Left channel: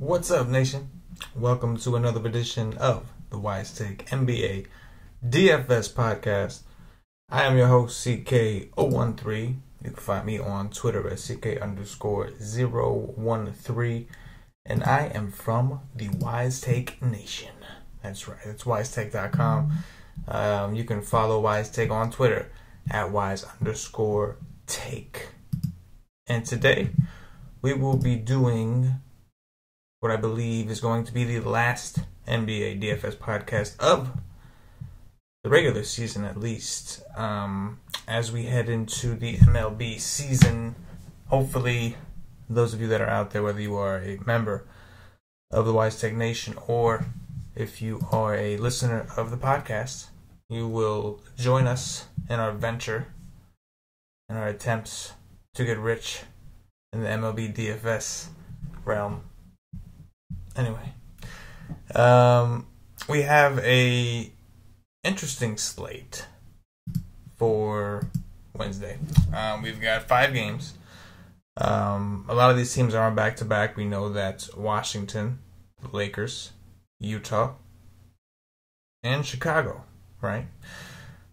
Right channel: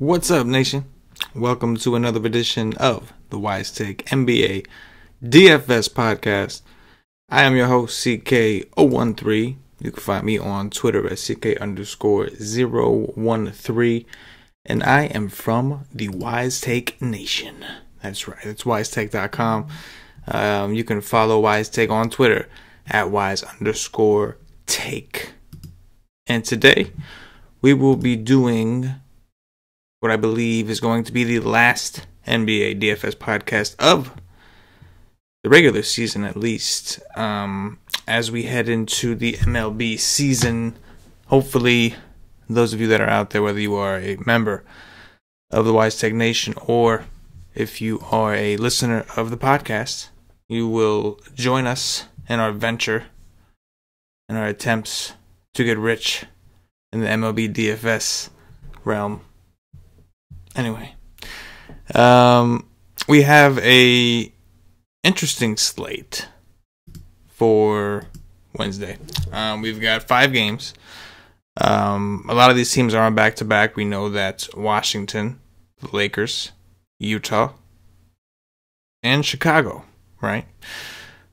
What's up, nation? Welcome to another edition of the Wise Take NBA DFS podcast. I am your host, CK013. You can find me on Twitter at CK_013. And I am from the Wise Take Nation. That's right. It's wisetake.com. You can follow Wise Take on Twitter at wise_take. And today we will be doing what I believe is going to be the last NBA DFS podcast of the regular season, at least. As we head into the MLB season, hopefully those of you that are out there, whether you are a member of the Wise Tech Nation or if you are a listener of the podcast, you will join us in our venture and our attempts to get rich in the MLB DFS realm. Anyway, we have a interesting slate for Wednesday. We've got 5 games. A lot of these teams are on back-to-back. We know that Washington, the Lakers, Utah, and Chicago, right,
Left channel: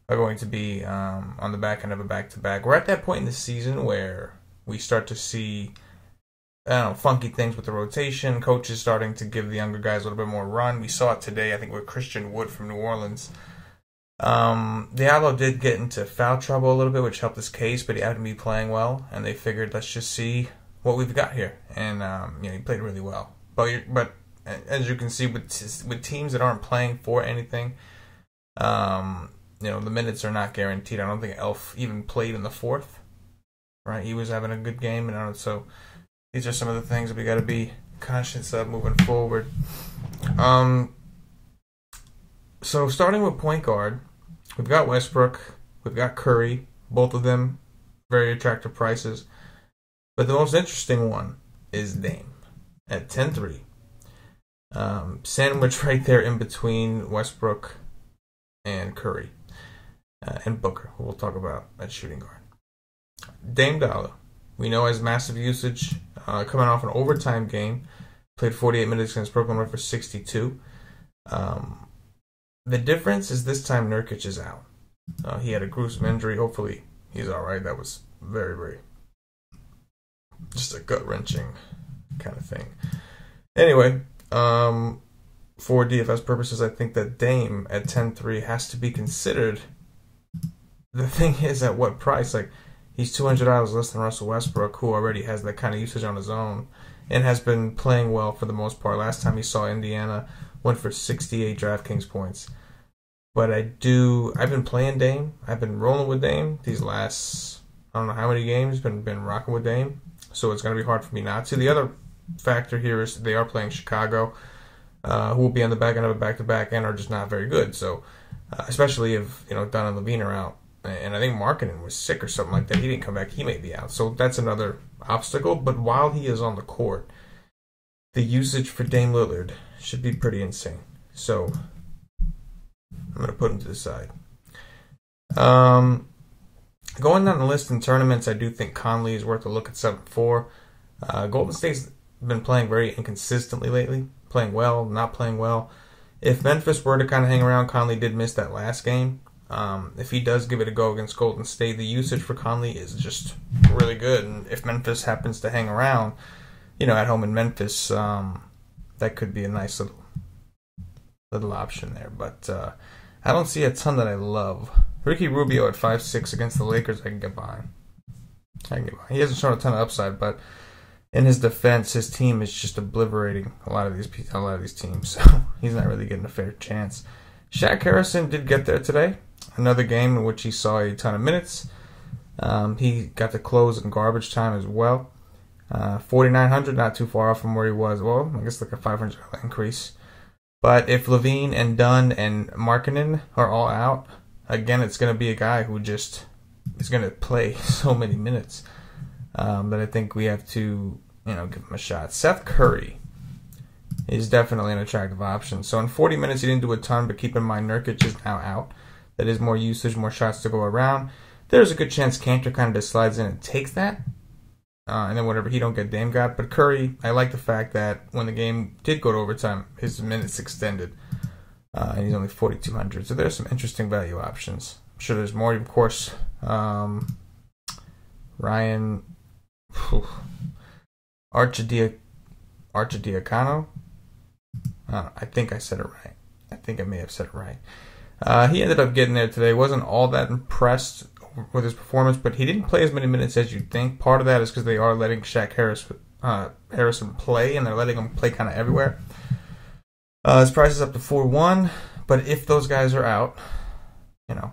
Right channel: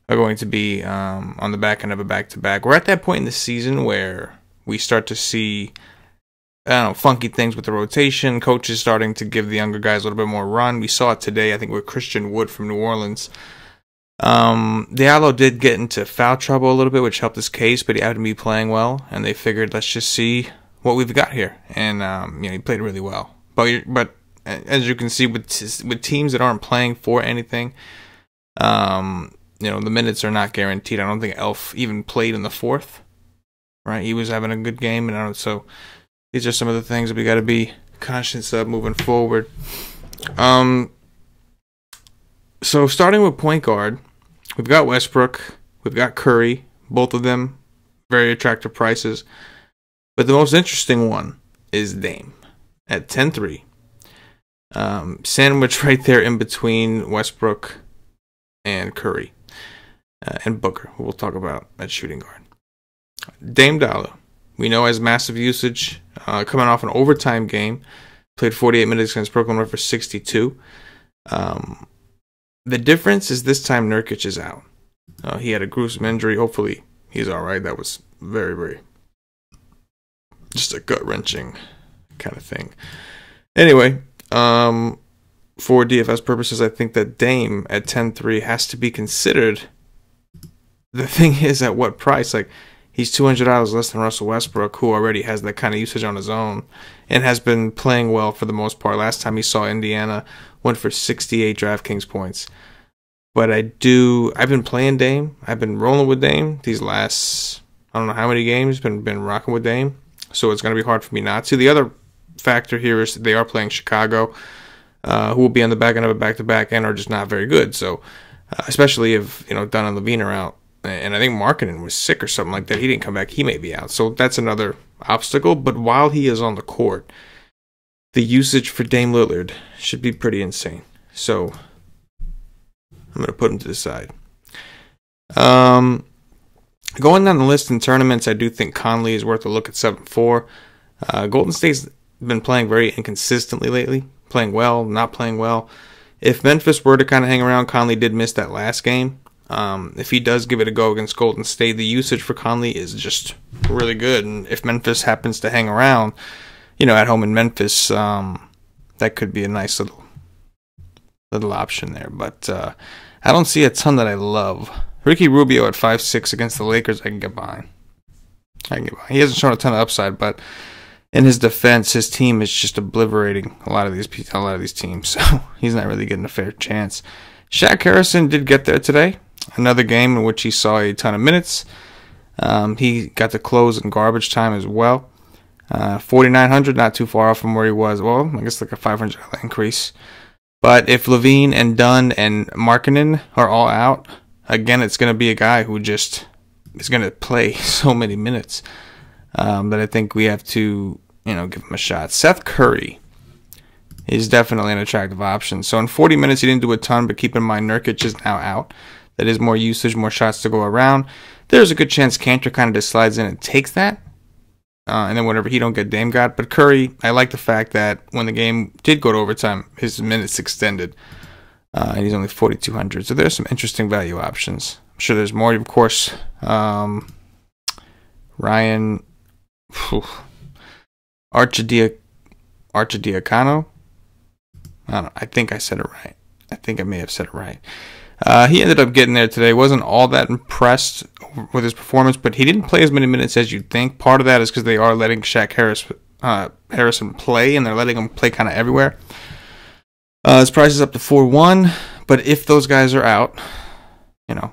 are going to be on the back end of a back-to-back. We're at that point in the season where we start to see funky things with the rotation. Coaches starting to give the younger guys a little bit more run. We saw it today, I think, with Christian Wood from New Orleans. Diallo did get into foul trouble a little bit, which helped his case, but he happened to be playing well, and they figured, let's just see what we've got here. And he played really well. But as you can see, with teams that aren't playing for anything, the minutes are not guaranteed. I don't think Elf even played in the fourth. Right, he was having a good game, and so these are some of the things that we got to be conscious of moving forward. So starting with point guard, we've got Westbrook, we've got Curry, both of them very attractive prices. But the most interesting one is Dame at 10-3. Sandwich right there in between Westbrook and Curry and Booker, who we'll talk about at shooting guard. Dame Dollar, we know, has massive usage, coming off an overtime game. Played 48 minutes against Brooklyn, went for 62. The difference is this time Nurkic is out. He had a gruesome injury. Hopefully he's all right. That was very, very just a gut-wrenching kind of thing. Anyway, for DFS purposes, I think that Dame at 10-3 has to be considered. The thing is, at what price? Like, he's $200 less than Russell Westbrook, who already has that kind of usage on his own and has been playing well for the most part. Last time he saw Indiana, went for 68 DraftKings points. But I've been playing Dame. I've been rolling with Dame these last, I don't know how many games, been rocking with Dame. So it's going to be hard for me not to. The other factor here is that they are playing Chicago, who will be on the back end of a back-to-back and are just not very good. So especially if, Dunn and Levine are out. And I think Markkanen was sick or something like that. He didn't come back. He may be out. So that's another obstacle. But while he is on the court, the usage for Dame Lillard should be pretty insane. So I'm going to put him to the side. Going down the list in tournaments, I do think Conley is worth a look at 7-4. Golden State's been playing very inconsistently lately. Playing well, not playing well. If Memphis were to kind of hang around, Conley did miss that last game. If he does give it a go against Golden State, the usage for Conley is just really good. And if Memphis happens to hang around, at home in Memphis, that could be a nice little option there. But I don't see a ton that I love. Ricky Rubio at 5-6 against the Lakers, I can get behind. He hasn't shown a ton of upside, but in his defense, his team is just obliterating a lot of these teams. So he's not really getting a fair chance. Shaq Harrison did get there today. Another game in which he saw a ton of minutes. He got to close in garbage time as well. 4,900, not too far off from where he was. Well, I guess like a $500 increase. But if Levine and Dunn and Markkanen are all out, again, it's going to be a guy who just is going to play so many minutes that I think we have to, give him a shot. Seth Curry is definitely an attractive option. So in 40 minutes, he didn't do a ton, but keep in mind Nurkic is now out. That is more usage, more shots to go around. There's a good chance Cantor kind of just slides in and takes that. and then whatever he don't get, Dame got. But Curry, I like the fact that when the game did go to overtime, his minutes extended, and he's only 4,200. So there's some interesting value options. I'm sure there's more, of course. Ryan Arcidiacono. I think I said it right. I think I may have said it right. He ended up getting there today. Wasn't all that impressed with his performance, but he didn't play as many minutes as you'd think. Part of that is because they are letting Shaq Harrison play, and they're letting him play kind of everywhere. His price is up to 4-1, but if those guys are out, you know,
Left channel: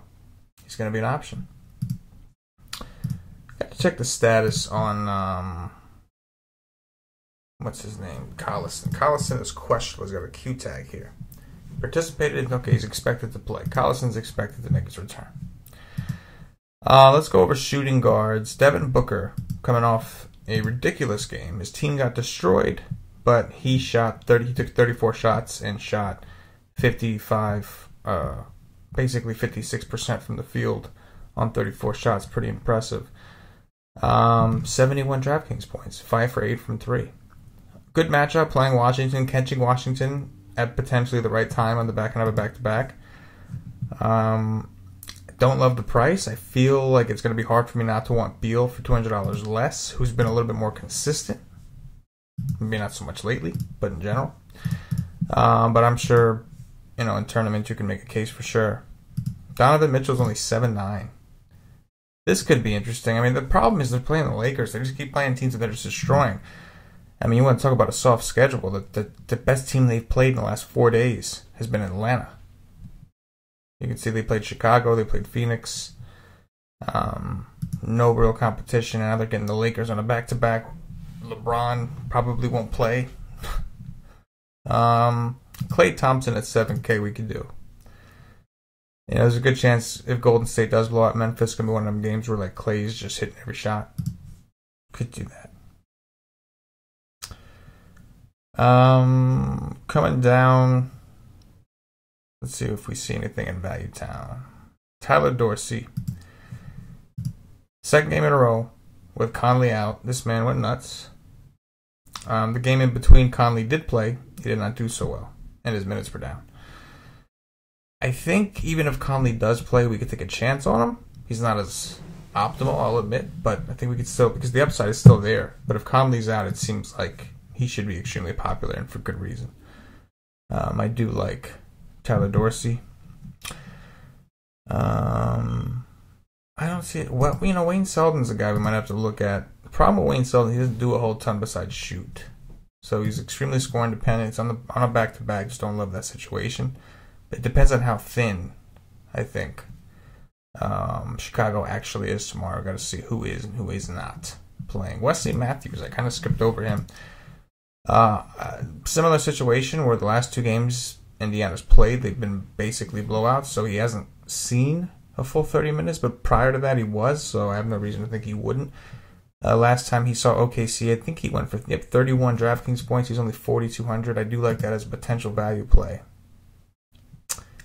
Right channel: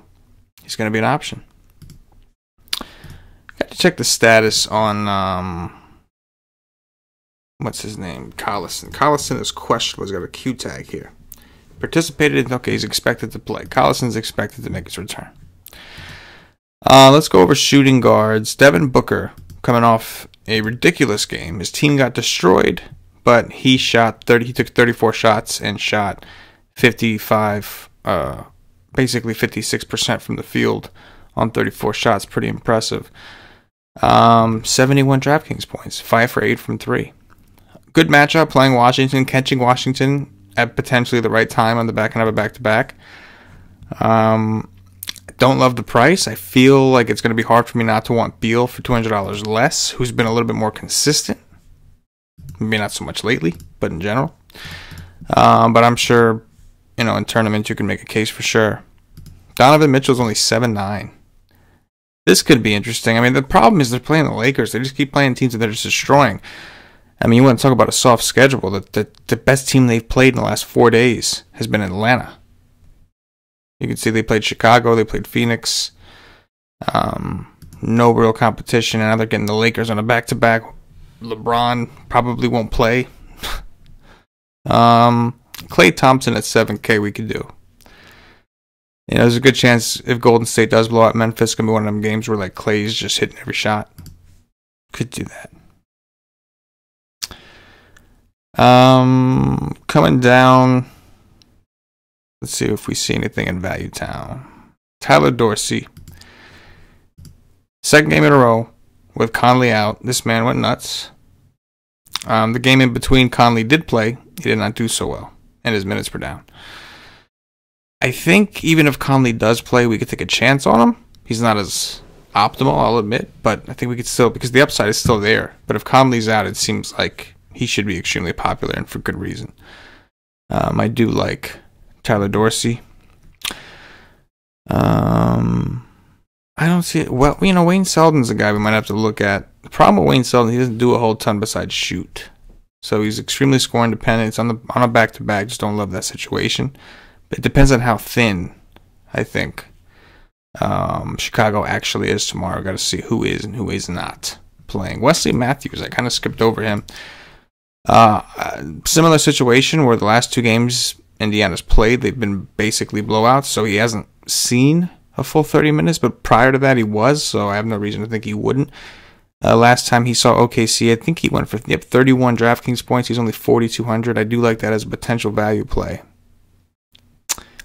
he's going to be an option. Got to check the status on what's his name? Collison. Collison is questionable. He's got a Q tag here. Participated. Okay, he's expected to play. Collison's expected to make his return. Let's go over shooting guards. Devin Booker coming off a ridiculous game. His team got destroyed, but he shot 30. He took 34 shots and shot 55, basically 56% from the field on 34 shots. Pretty impressive. 71 DraftKings points. 5 for 8 from 3. Good matchup playing Washington, catching Washington at potentially the right time on the back end of a back-to-back. Don't love the price. I feel like it's going to be hard for me not to want BEAL for $200 less, who's been a little bit more consistent. Maybe not so much lately, but in general. But I'm sure, you know, in tournaments you can make a case for sure. Donovan Mitchell's only 7-9. This could be interesting. I mean, the problem is they're playing the Lakers. They just keep playing teams that they're just destroying. I mean, you want to talk about a soft schedule. The best team they've played in the last 4 days has been Atlanta. You can see they played Chicago, they played Phoenix. No real competition, and now they're getting the Lakers on a back-to-back. LeBron probably won't play. KLAY Thompson at 7K we could do. You know, there's a good chance if Golden State does blow out Memphis, it's going to be one of them games where like Klay's just hitting every shot. Could do that. Coming down, let's see if we see anything in Value Town. Tyler Dorsey. Second game in a row with Conley out. This man went nuts. The game in between, Conley did play. He did not do so well, and his minutes were down. I think even if Conley does play, we could take a chance on him. He's not as optimal, I'll admit, but I think we could still, because the upside is still there. But if Conley's out, it seems like he should be extremely popular, and for good reason. I do like Tyler Dorsey. I don't see it. Well, you know, Wayne Selden's a guy we might have to look at. The problem with Wayne Selden, he doesn't do a whole ton besides shoot. So he's extremely scoring dependent. It's on a back-to-back. Just don't love that situation. But it depends on how thin, I think, Chicago actually is tomorrow. Got to see who is and who is not playing. Wesley Matthews, I kind of skipped over him. Similar situation where the last 2 games Indiana's played, they've been basically blowouts, so he hasn't seen a full 30 minutes, but prior to that he was, so I have no reason to think he wouldn't. Last time he saw OKC, I think he went for 31 DraftKings points. He's only 4,200. I do like that as a potential value play.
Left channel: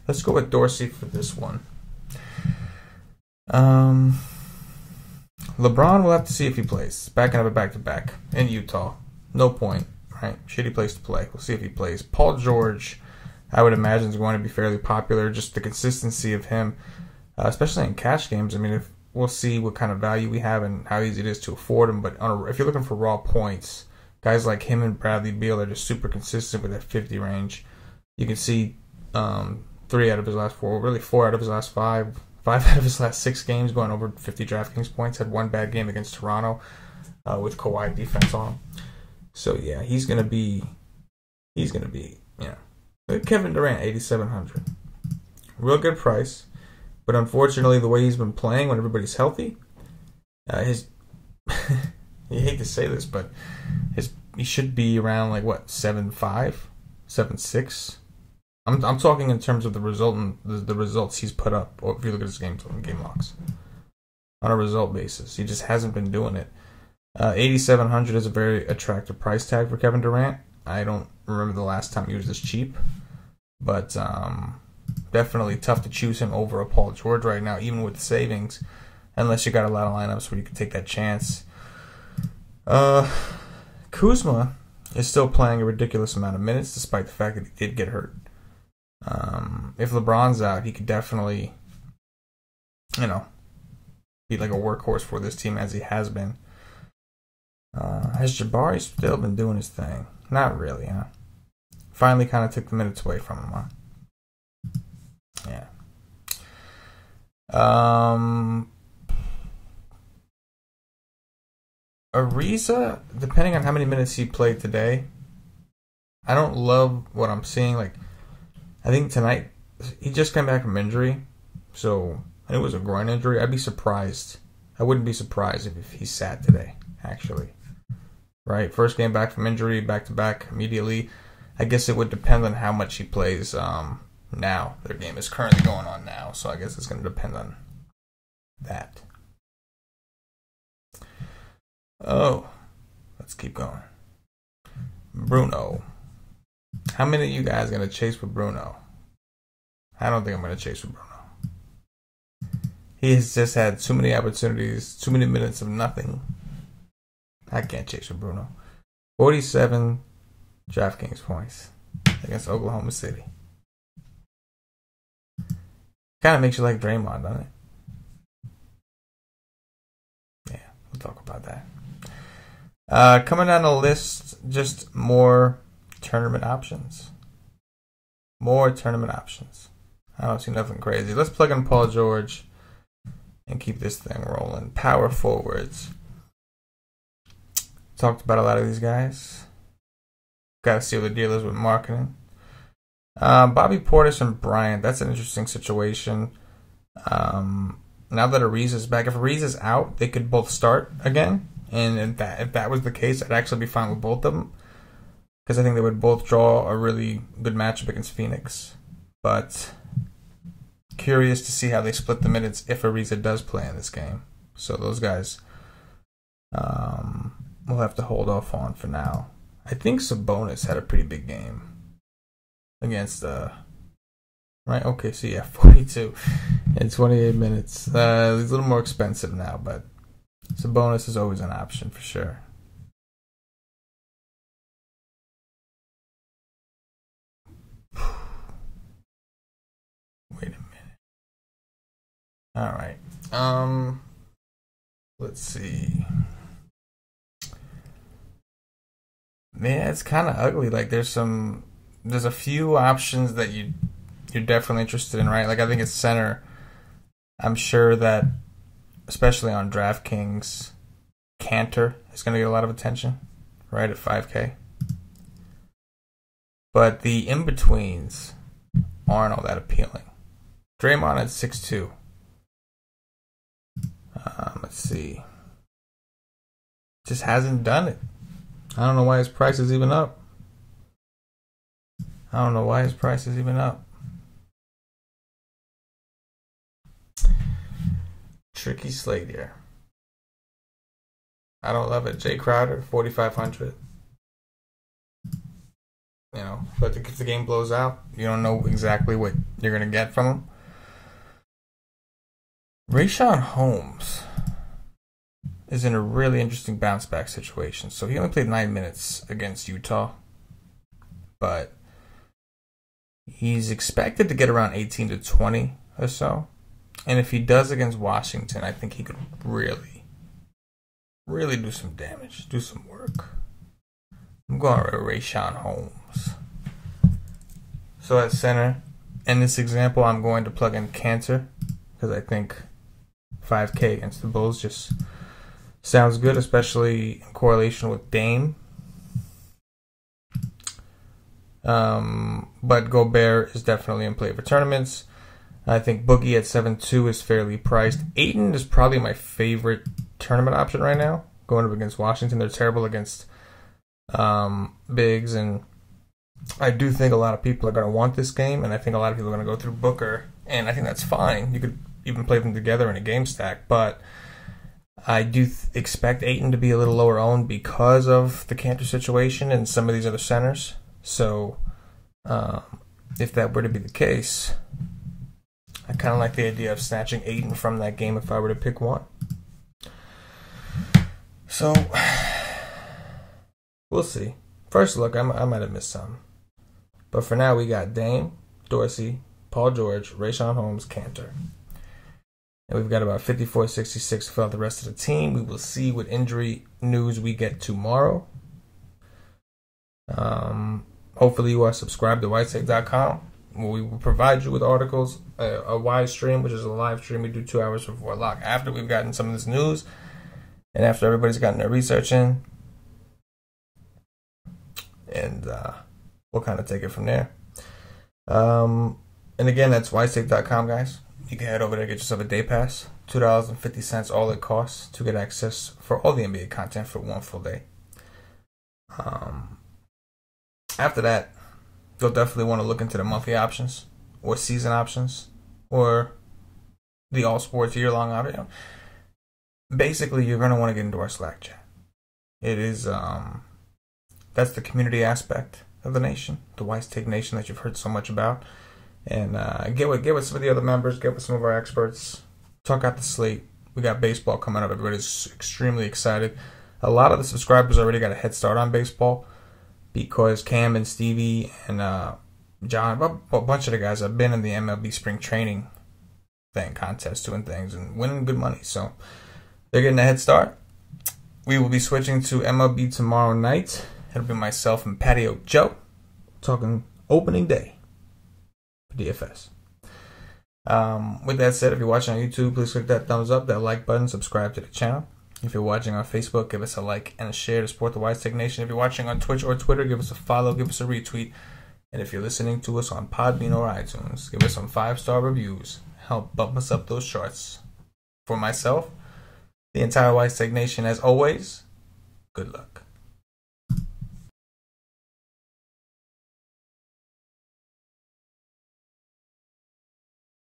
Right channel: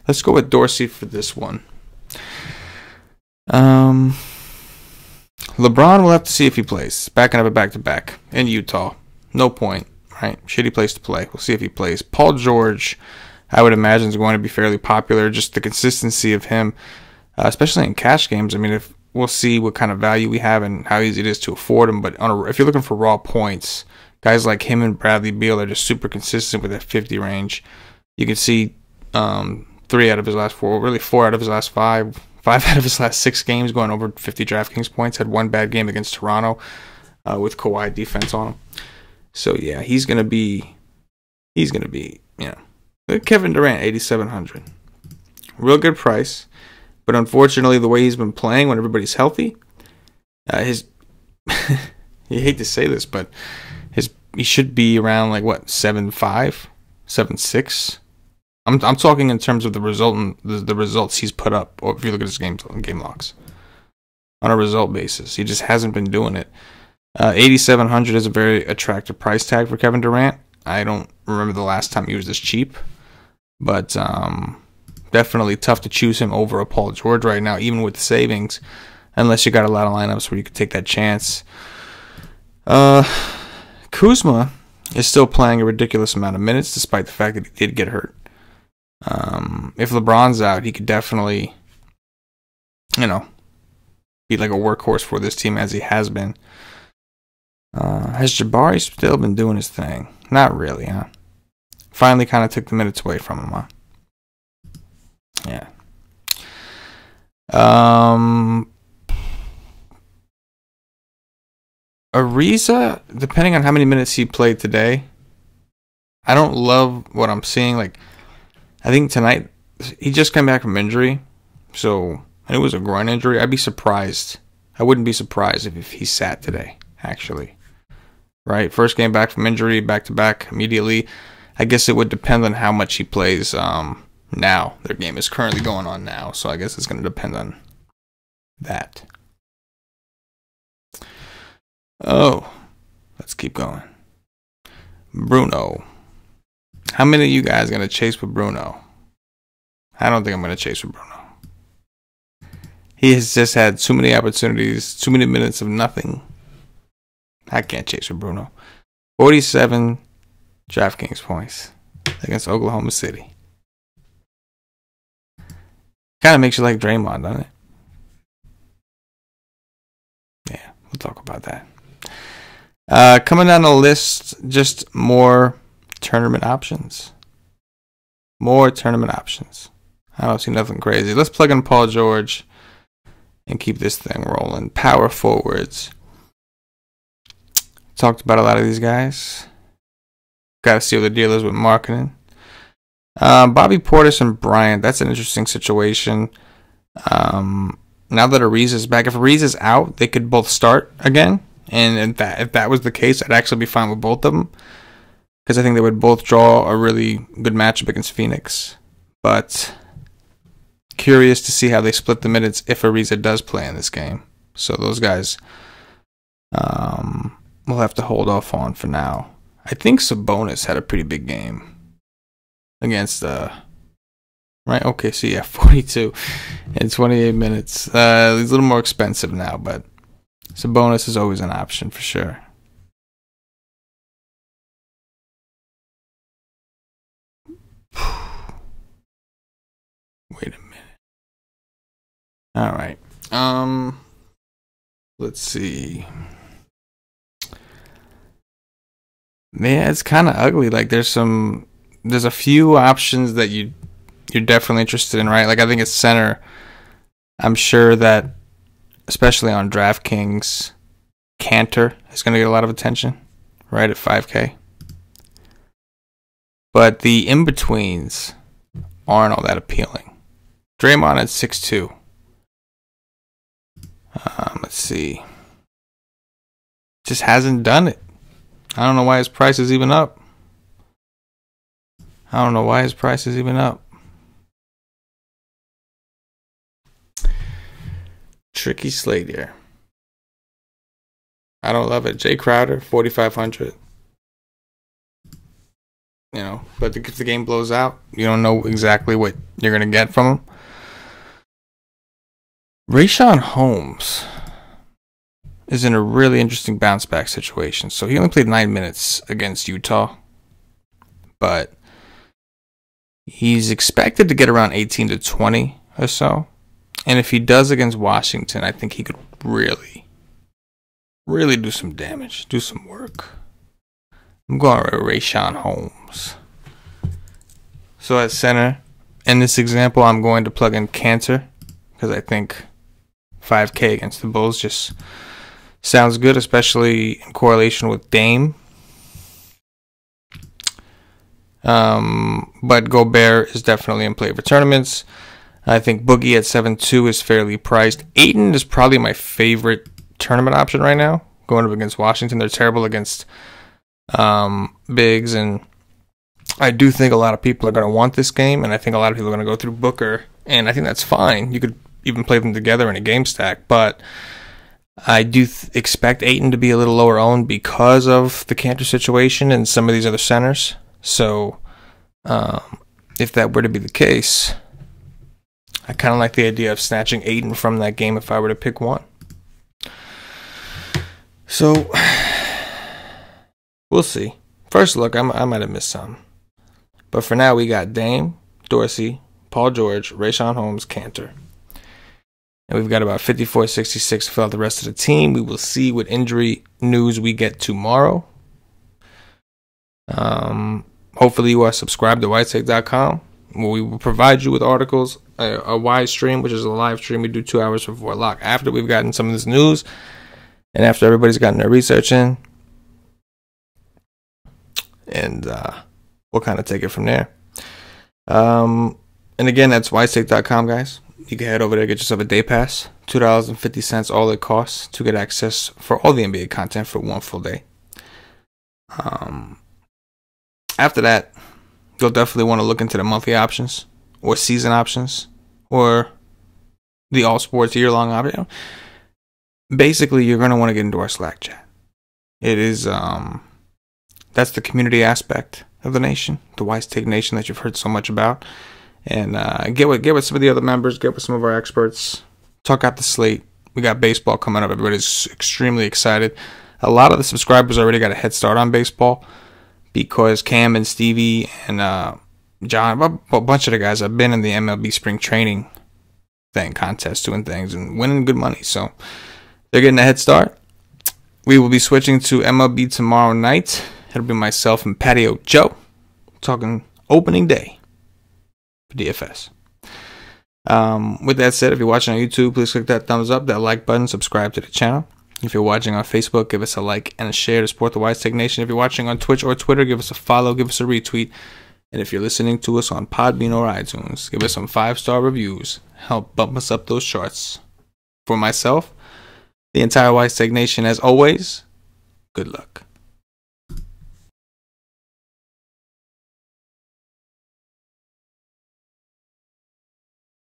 Let's go with Dorsey for this one. LeBron, we'll have to see if he plays. Back end of a back-to-back in Utah. No point, right? Shitty place to play. We'll see if he plays. Paul George, I would imagine, is going to be fairly popular. Just the consistency of him, especially in cash games. I mean, if we'll see what kind of value we have and how easy it is to afford him. But if you're looking for raw points, guys like him and Bradley Beal are just super consistent with that 50 range. You can see 3 out of his last 4, really 4 out of his last 5 out of his last 6 games going over 50 DraftKings points. Had 1 bad game against Toronto with Kawhi defense on him. So yeah, he's gonna be, you know, Kevin Durant, 8,700, real good price, but unfortunately the way he's been playing when everybody's healthy, you hate to say this, but he should be around like what 7.5, 7.6. I'm talking in terms of the results he's put up, or if you look at his game logs on a result basis, he just hasn't been doing it. 8,700 is a very attractive price tag for Kevin Durant. I don't remember the last time he was this cheap, but definitely tough to choose him over a Paul George right now, even with the savings, unless you got a lot of lineups where you could take that chance. Uh, Kuzma is still playing a ridiculous amount of minutes despite the fact that he did get hurt. If LeBron's out, he could definitely, you know, be like a workhorse for this team as he has been. Has Jabari still been doing his thing? Not really, huh? Finally kind of took the minutes away from him, huh? Yeah. Ariza, depending on how many minutes he played today, I don't love what I'm seeing. Like, I think tonight, he just came back from injury, so it was a groin injury. I'd be surprised. I wouldn't be surprised if he sat today, actually. Right? First game back from injury, back-to-back immediately. I guess it would depend on how much he plays now. Their game is currently going on now, so I guess it's going to depend on that. Oh, let's keep going. Bruno. How many of you guys are going to chase with Bruno? I don't think I'm going to chase with Bruno. He has just had too many opportunities, too many minutes of nothing. I can't chase with Bruno. 47 DraftKings points against Oklahoma City. Kind of makes you like Draymond, doesn't it? Yeah, we'll talk about that. Coming down the list, just more tournament options. More tournament options. I don't see nothing crazy. Let's plug in Paul George and keep this thing rolling. Power forwards. Talked about a lot of these guys. Got to see what the deal is with marketing. Bobby Portis and Bryant. That's an interesting situation. Now that Ariza is back, if Ariza is out, they could both start again. And if that was the case, I'd actually be fine with both of them, because I think they would both draw a really good matchup against Phoenix. But curious to see how they split the minutes if Ariza does play in this game. So those guys we'll have to hold off on for now. I think Sabonis had a pretty big game against right? Okay, so yeah, 42 in 28 minutes. He's a little more expensive now, but Sabonis is always an option for sure. Wait a minute. All right. Let's see. Yeah, it's kind of ugly. Like there's a few options that you're definitely interested in, right? Like I think it's center. I'm sure that, especially on DraftKings, Cantor is going to get a lot of attention, right, at 5K. But the in-betweens aren't all that appealing. Draymond at 6'2". Let's see. Just hasn't done it. I don't know why his price is even up. Tricky slate here. I don't love it. Jay Crowder, 4,500. You know, but if the game blows out, you don't know exactly what you're going to get from him. RICHAUN Holmes is in a really interesting bounce back situation. So he only played 9 minutes against Utah, but he's expected to get around 18 to 20 or so. And if he does against Washington, I think he could really do some damage, do some work. I'm going with RICHAUN Holmes. So at center, in this example, I'm going to plug in Cantor, because I think 5K against the Bulls just sounds good, especially in correlation with Dame. But Gobert is definitely in play for tournaments. I think Boogie at 7-2 is fairly priced. Ayton is probably my favorite tournament option right now, going up against Washington. They're terrible against bigs, and I do think a lot of people are going to want this game, and I think a lot of people are going to go through Booker, and I think that's fine. You could even play them together in a game stack, but I do expect Ayton to be a little lower owned because of the Cantor situation and some of these other centers. So if that were to be the case, I kind of like the idea of snatching Ayton from that game if I were to pick one. So We'll see. First look, I might have missed some. But for now, we got Dame, Dorsey, Paul George, RICHAUN, Holmes, Cantor. And we've got about 54.66 to fill out the rest of the team. We will see what injury news we get tomorrow. Hopefully you are subscribed to whitetake.com, where we will provide you with articles, a wide stream, which is a live stream we do 2 hours before lock, after we've gotten some of this news and after everybody's gotten their research in. And we'll kind of take it from there. And again, that's whitetake.com, guys. You can head over there, get yourself a day pass, $2.50 all it costs to get access for all the NBA content for one full day. After that, you'll definitely want to look into the monthly options or season options or the all sports year-long option. Basically, you're going to want to get into our Slack chat. It is that's the community aspect of the nation, the Wise Take Nation that you've heard so much about. And get with some of the other members, get with some of our experts, talk out the slate. We got baseball coming up. Everybody's extremely excited. A lot of the subscribers already got a head start on baseball because Cam and Stevie and John, a bunch of the guys have been in the MLB spring training contest, doing things and winning good money. So they're getting a head start. We will be switching to MLB tomorrow night. It'll be myself and Patio Joe talking opening day for DFS. With that said, if you're watching on YouTube, please click that thumbs up, that like button, subscribe to the channel. If you're watching on Facebook, give us a like and a share to support the Wise Take Nation. If you're watching on Twitch or Twitter, give us a follow, give us a retweet. And if you're listening to us on Podbean or iTunes, give us some 5-star reviews. Help bump us up those charts. For myself, the entire Wise Take Nation, as always, good luck.